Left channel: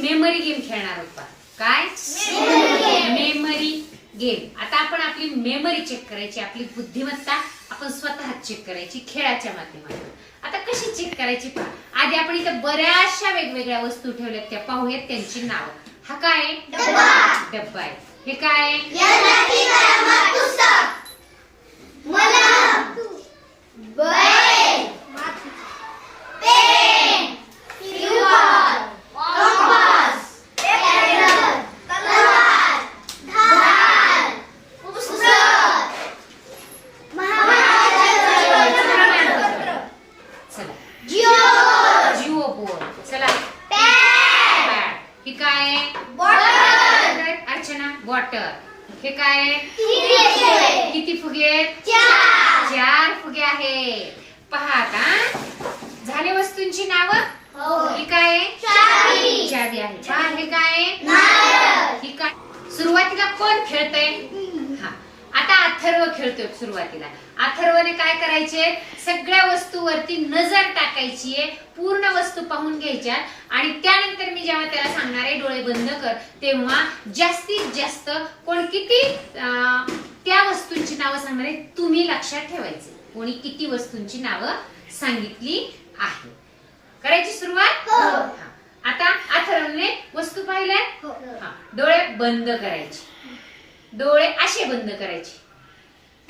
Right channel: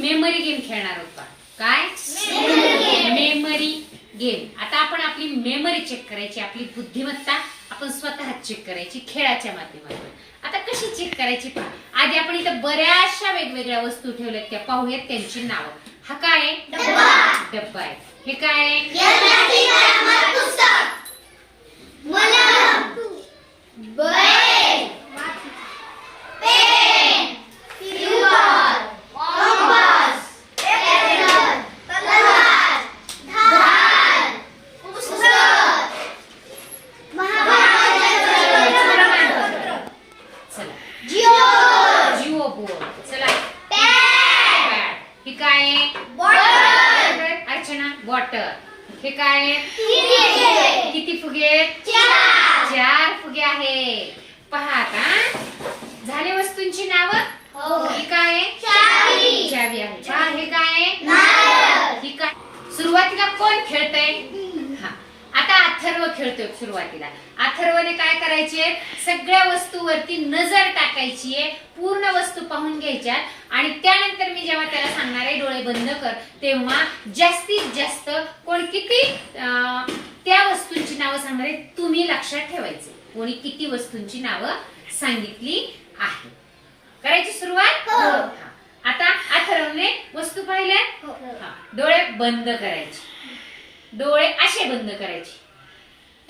Memory game खेळणार पहा. काय? मेमरी गेम आता आपण आपली मेमरी चेक करायची आपली बुद्धिमत्ता आपण स्वतः चेक करायची खेळाच्या माध्यमातून. आता कशी चेक करायची पहा. आधी आपण इथं बऱ्याचशा वेगवेगळ्या वस्तू ठेवल्यात त्या पाहूयात त्यांची नावं. हा काय आहे? डब्बा. आहे. हे काय आहे? चला जिओ बोर्ड चला पॅड हे काय आहे? अर्चना वॉटर हे काय? किती फुगे? आहेत चार फुगे आहेत. पहा आता झाले वस्तूंची नावं? ही. काय आहे? चावी. आहे. पहा हे काय आहे? ही काय? सुरुवातीला कोण खेळतय? हा आता अथर्व खेळतोय सुरुवातीला. अथर्वने काय करायचे? सगळ्या वस्तूवरती नजर टाकायची आहे पूर्ण वस्तू पाहून घ्यायच्यात आणि त्यानंतर मी जेव्हा त्याला सांगणार आहे डोळे बंद कर तेव्हा जास्तीत जास्त कोण किती त्या वस्तूंची नावं सांगणार आहे तुम्ही लक्षात ठेवायचे. कोणी किती वस्तूंची नावं सांगितली आहे. करायची सुरुवात. हा. आता अथर्वने वस्तू पाहिल्या? हा. डोळे बंद करायचे. डोळे असे बंद करायचे.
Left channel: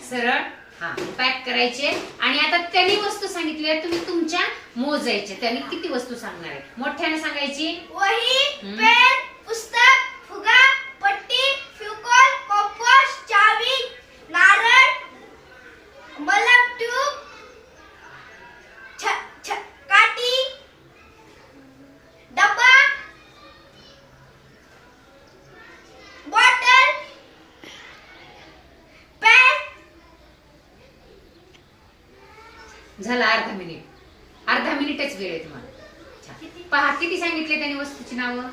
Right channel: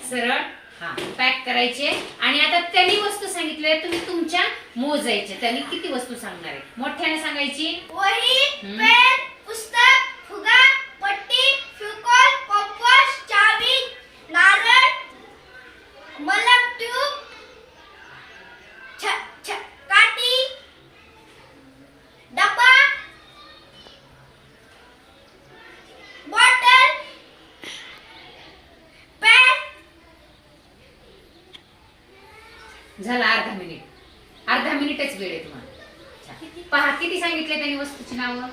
सरळ हा पॅक करायचे. आणि आता त्यांनी वस्तू सांगितल्या तुम्ही तुमच्या मोजायच्या त्यांनी किती वस्तू सांगणार आहे मोठ्याने सांगायची वही हम्म. पेन पुस्तक फुगा पट्टी फ्युकॉल कंपास चावी नारळ मलम ट्यूब छ छ काठी डब्बा बॉटल पेन झाला अर्धा मिनिट. अर्धा मिनिटच वेळ आहे तुम्हाला. पहा किती सांगितले त्यांनी वस्तूची नावं?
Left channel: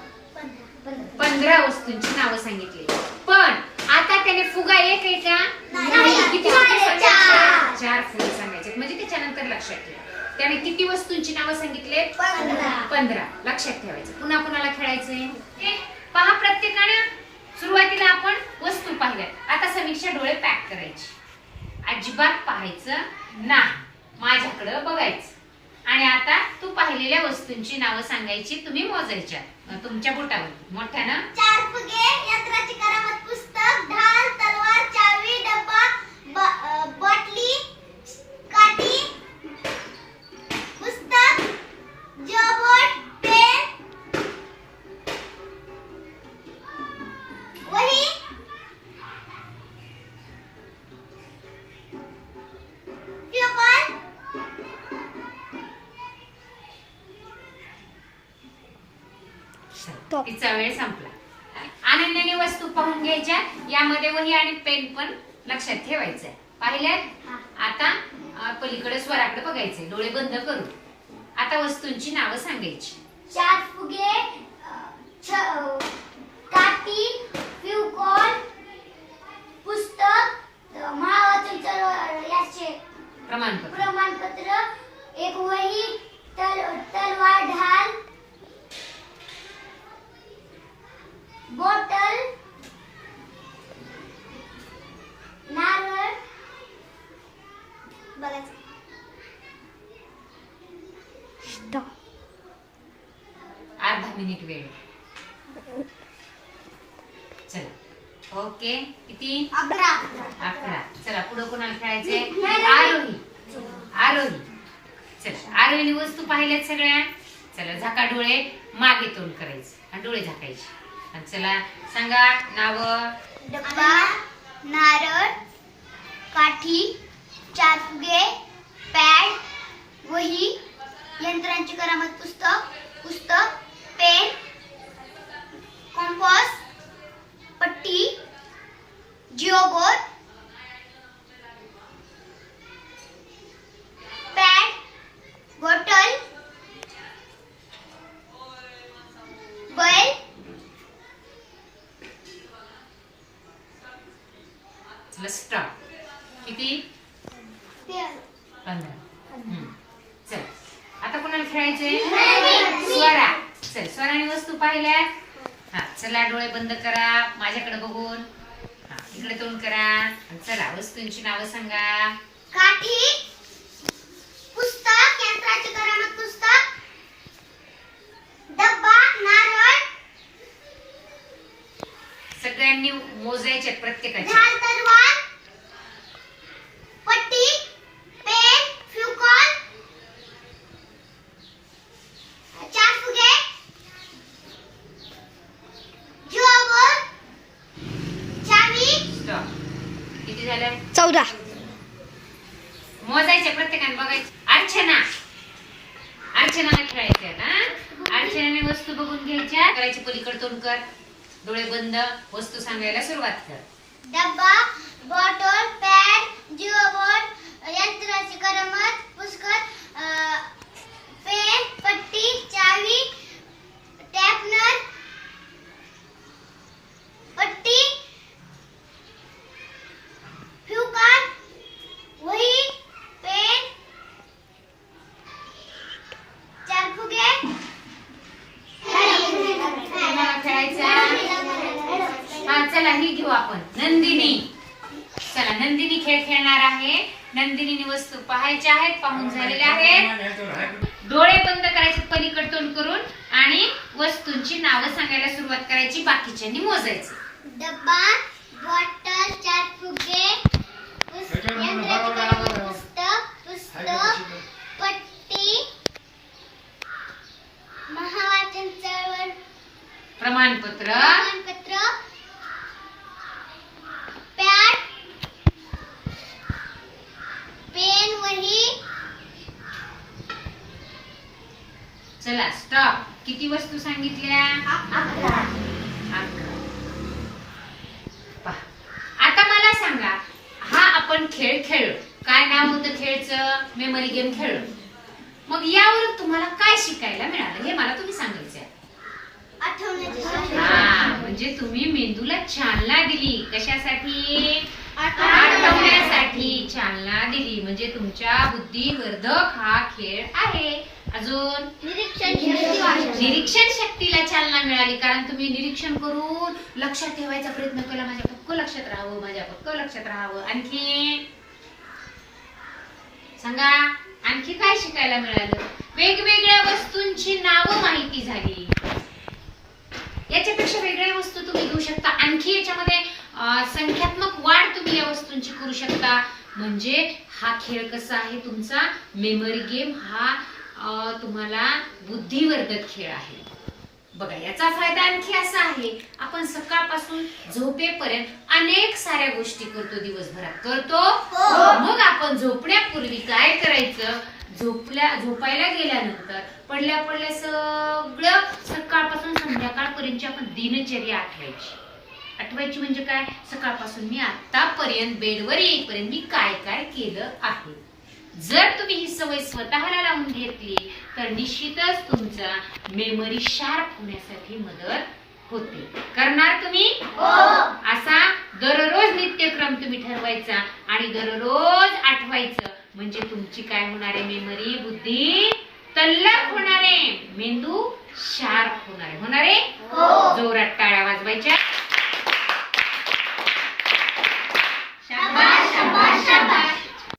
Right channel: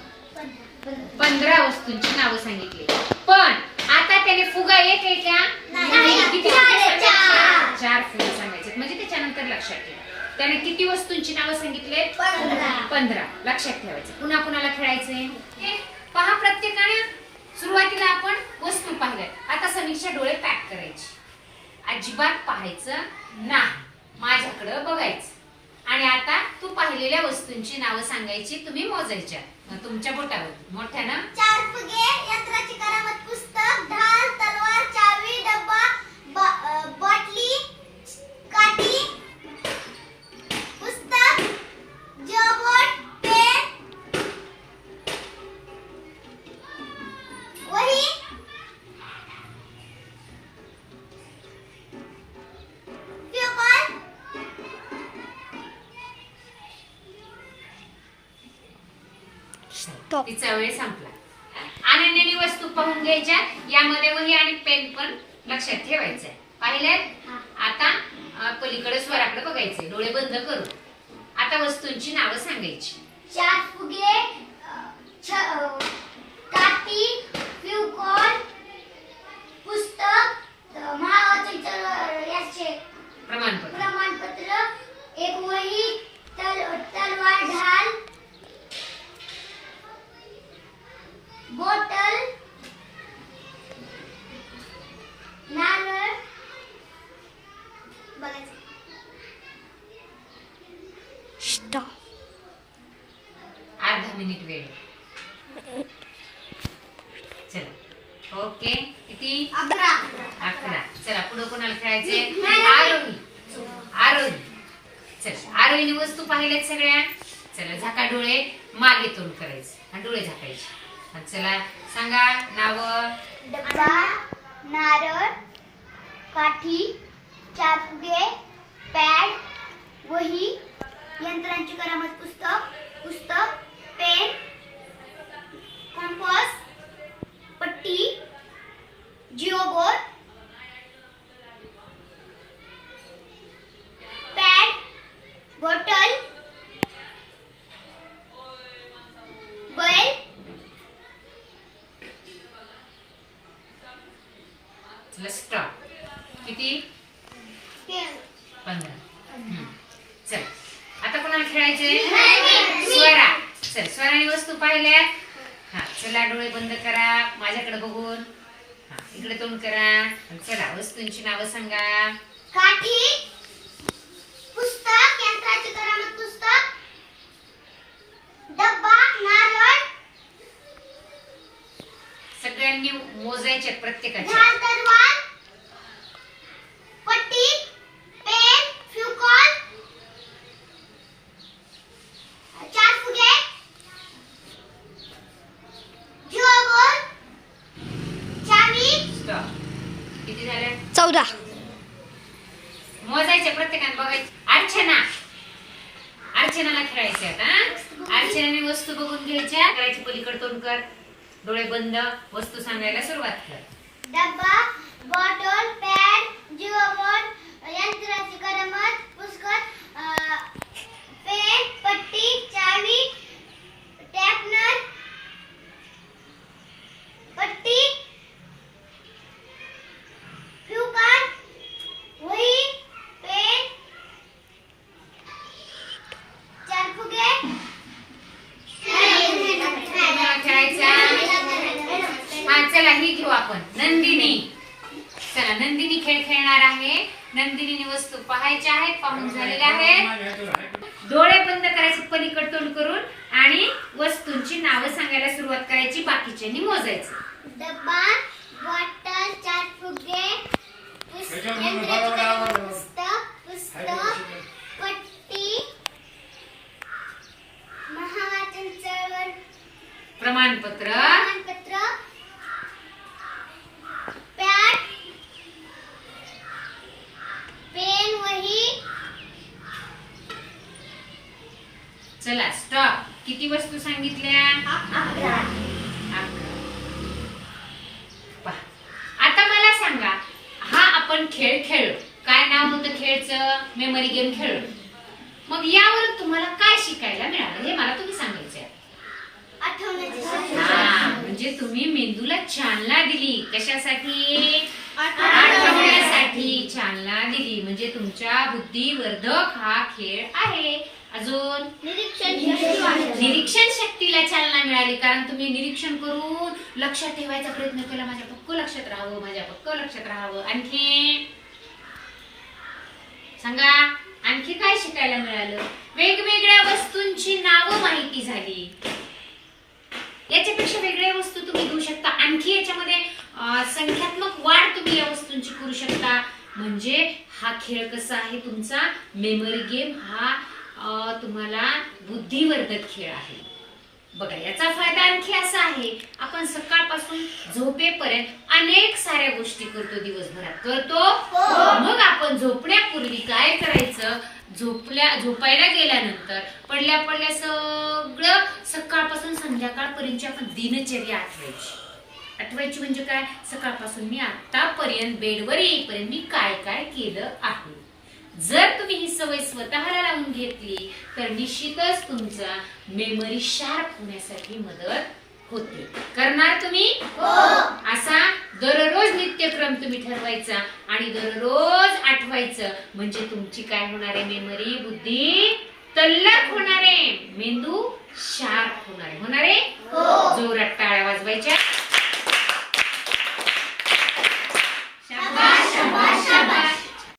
पंधरा वस्तूंची नावं सांगितली. पण आता त्याने फुगा एक आहे का? नाही. किती चार, फुगे सांगायचे? म्हणजे त्याच्यानंतर लक्षात ठेवा. त्याने किती वस्तूंची नावं सांगितले? पंधरा. लक्षात ठेवायचं. पुन्हा कुणाला खेळायचंय. पहा प्रत्येकाने. सुरुवातीला आपण वस्तू पाहिल्यात. आता समीक्षा डोळे पॅक करायची. अजिबात पाहायचं नाही. माझ्याकडं बघायचं. आणि आता तू पाहिलेल्या वस्तूंची नावं सांगायची तुम्ही मोजायच्या. तुमच्या बोटावर मोठ्यानं? तिचा वेळ संपला. अनन्याने वस्तू पाहून घ्यायच्या. यामध्ये वही आणि पेन पण लक्षात ठेवायचंय. पाहिलंय? आता पलीकडे स्वराकडे बघायचंय. डोळे बंद करून आता वस्तूंची नावं सांगायची. चार फुगे काठी फ्युकॉल पुस्तक याचे प्रमाणपत्र. प्रमाणपत्र एक वही तल तलवार ढाल बॉटल नारळ बघायचं. अर्धा मिनिट वेळ. चला. ओके किती? अकरा. अकरा. चला पुढे कोणाला खेळायचे आरोही आरोही चल आरोहीने वस्तू पाहिल्यात सगळ्या. चला झाका डोळे मागे तोंड करायचे. आणि डोळे झाकायचे. चला सांगा नाव. डब्बा नारळ काठी चार पॅड वही यंत्रांची करामत पुस्तक पुस्तक पेन कंपास पट्टी जिओबोर पॅड बॉटल बैल चला स्टॉप किती पेन पंधरा हम्म. चल आता कोणाला खेळायचे नाही. स्वरा चल स्वराने वस्तू पाहिल्यात हा चला डोळे बंद करा माझ्याकडे बघून. हा इकडे तोंड करा. आणि चला वस्तूंची नावं सांगा. काठी पुस्तक यंत्राची करामत पुस्तक डब्बा नारळ सगळ्यांनी मोजायचे प्रत्येकाचे. ढाल तलवार पट्टी पेन फ्युकॉल चार फुगे जुआबोल चावी स्टॉप किती झाल्या चौदा. मोजायचे प्रत्येकाने बघायचे. अर्चना. अर्चनाला खेळायचे आता अर्चनाने वस्तू बघून घ्यायच्या. करायची पलीकड तोंड कर. डोळे बंद. वस्तू सांगायला सुरुवात कर. डब्बा बॉटल पॅड जिओबोर्ड यंत्राची करामत पुस्तक अ, पेन पट्टी चावी टॅपनर पट्टी फ्युकान वही पेन चार फुगे तुम्हाला खेळायचा हा चला ही घेऊ आपण नंदिनी चला नंदिनी खेळ खेळणार आहे नंदिनीने वस्तू पाहायच्या आहेत पाहून झालेल्या आहेत. डोळे बंद करायचे पलीकड तोंड करून आणि वस्तूंची नावं सांगायला सुरुवात करायची बाकीच्यांनी मोजायचं. डब्बा बॉटल चार फुगे पुस्तक पुस्तक पट्टी महावाचन चळवळ प्रमाणपत्र प्रमाणपत्र पॅड पेन वही चला स्टॉप किती वस्तू सांगितल्या? आता मला सांगा हा आपण खेळ खेळलो. काय नाव होतं खेळचं? मेमरी गेम खेळलो. मग यावरून तुम्हाला काय शिकायला मिळालं? हे मला तुम्ही सांगायचं आहे. म्हणजे तुम्ही मेंदूला चालना दिली. कशासाठी? आठवण्यासाठी चालना दिली. म्हणजे तुमच्या बुद्धिवर्धक हा खेळ आहे. अजून? निरीक्षण शक्ती वाढवते. निरीक्षण शक्तीला चालना मिळाली कारण तुम्ही निरीक्षण करून लक्षात ठेवायचा प्रयत्न केला माझ्या पक्क लक्षात राहावं माझ्या पक्क लक्षात राहावं. आणखी? सांगा आणखी काय शिकायला मिळालं? वेगवेगळ्या वस्तूंची नावं माहिती झाली. याच्यापेक्षा वेगळ्या वस्तू तुम्ही घेऊ शकता. आणखी याच्यामध्ये संख्यात्मक वाढ तुम्ही या वस्तूंची करू शकता. म्हणजे हा खेळ कसा आहे तुमचा? मेमरी गेम हा तुम्हाला बुद्धिवर्धक खेळ आहे. बघा याचा फायदा आणखी असा आहे आपण सकाळपासून झोपेपर्यंत अनेक साऱ्या गोष्टी करतो दिवसभरात. करतो? मग आपण झोपण्यापूर्वी काय करायचं? झोपल्या झोपायला गेल्यानंतर पडल्या पडल्या सगळं सकाळपासून संध्याकाळपर्यंतची आपण दिनचर्या आठवायची. आठवायची म्हणजे काय? सकाळपासून मी आतापर्यंत बेडवर येईपर्यंत मी काय काय केलं आहे? जर तुम्ही ही सवय स्वतःला लावून घेतली तर निश्चितच तुमचा मेमरी शार्प होण्यासाठी मदत होते. करणार तुम्ही? असा दररोज नित्यक्रम तुम्ही ठरवायचा आणि दररोज आठवायचं. म्हणजे तुमची काय होणार आहे मेमरी बुद्धी तल्लख होणार आहे. मेंदू शार्प होणार आहे. होणार आहे? जोरात टाळ्या वाजवायच्या.